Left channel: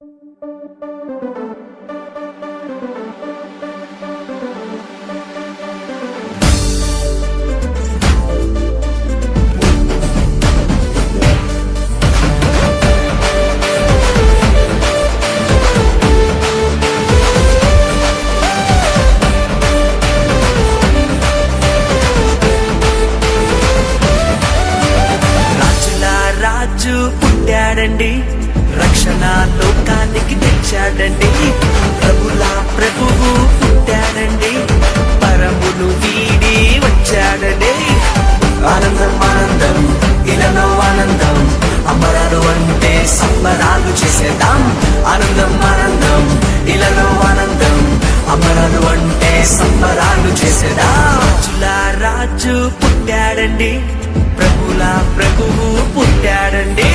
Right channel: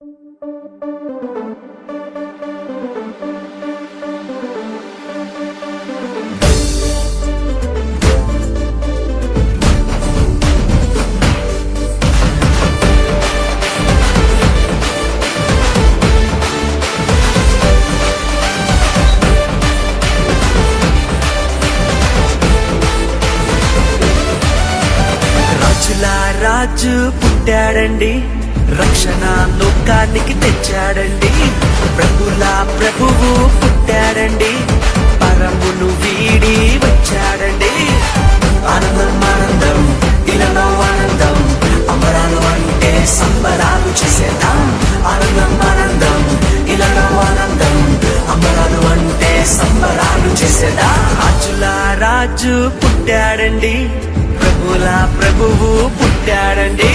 రాజు పుట్టాడండి, రక్షణ లోకానికి తెచ్చాడండి. ప్రభుల ప్రభువు పుట్టాడండి, పరమును వీడి వచ్చాడండి. ఆనందం ఆనందం ఇలలో ఆనందం, అమరాలు అంటే సంబరాలు చేసేద్దాం. ఆనందం ఆనందం ఇలలో ఆనందం, అమరాలు అంటే సంబరాలు చేసేద్దాం. రాజుల రాజు పుట్టాడండి, ప్రభుల ప్రభువు పుట్టాడండి.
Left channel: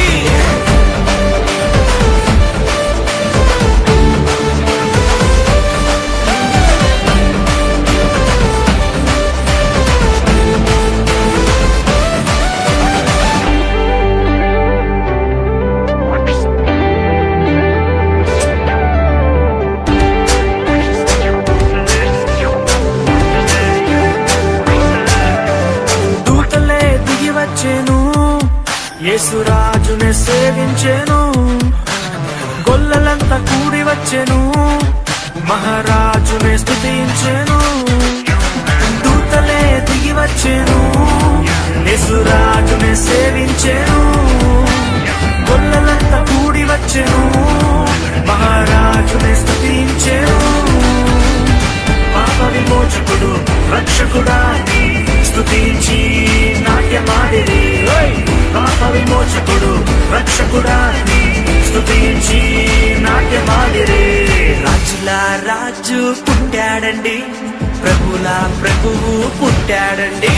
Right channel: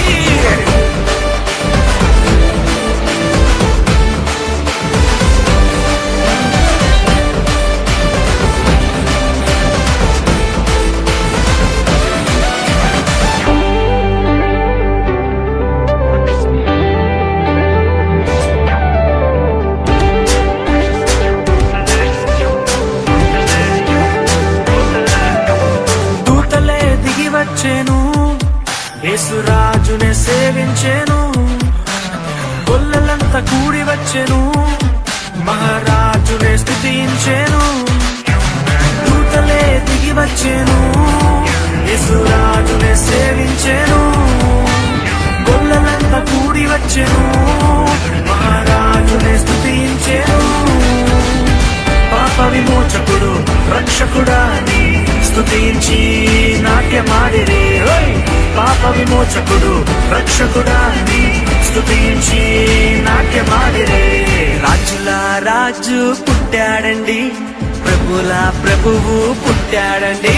యేసురాజునే సేవించెను, కొల్లలంతా కూడి వచ్చెను, మహారాజునే స్తుతించెను. దూతలే దిగి వచ్చెను, యేసురాజునే సేవించెను, కొల్లలంతా కూడి వచ్చెను, మహారాజునే స్తుతించెను. పాప విమోచకుడు రక్షకుడాని స్తుతించి నాట్యమాడిరి. పాప విమోచకుడు రక్షకుడాని స్తుతించి నాట్యమాడిరి. రాజుల రాజు పుట్టాడండి, ప్రభుల ప్రభువు పుట్టాడండి.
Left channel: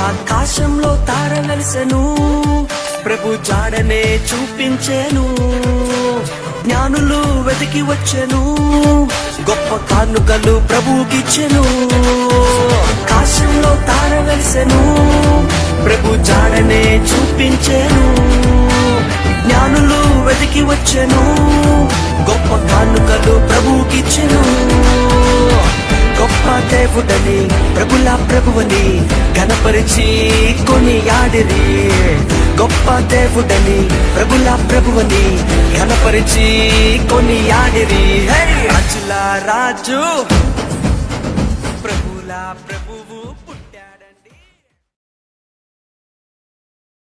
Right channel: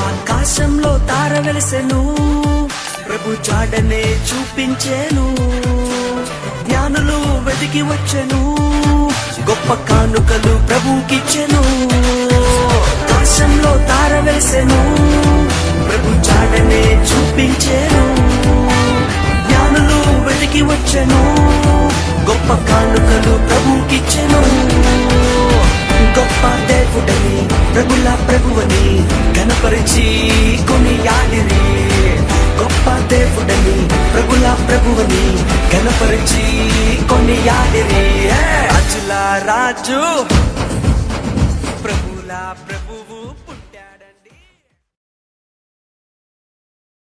ఆకాశంలో తార వెలిసెను, ప్రభు జాడనే చూపించెను. జ్ఞానులు వెతికి వచ్చెను, గొప్ప కానుకలు ప్రభుకిచ్చెను. ఆకాశంలో తార వెలిసెను, ప్రభు జాడనే చూపించెను. జ్ఞానులు వెతికి వచ్చెను, గొప్ప కానుకలు ప్రభుకిచ్చెను. గొప్ప దేవుడని ప్రభుల ప్రభువని ఘనపరిచి కొనియాడిరి. గొప్ప దేవుడని ప్రభుల ప్రభువని ఘనపరిచి కొనియాడిరి. రాజుల రాజు ప్రభుల ప్రభువు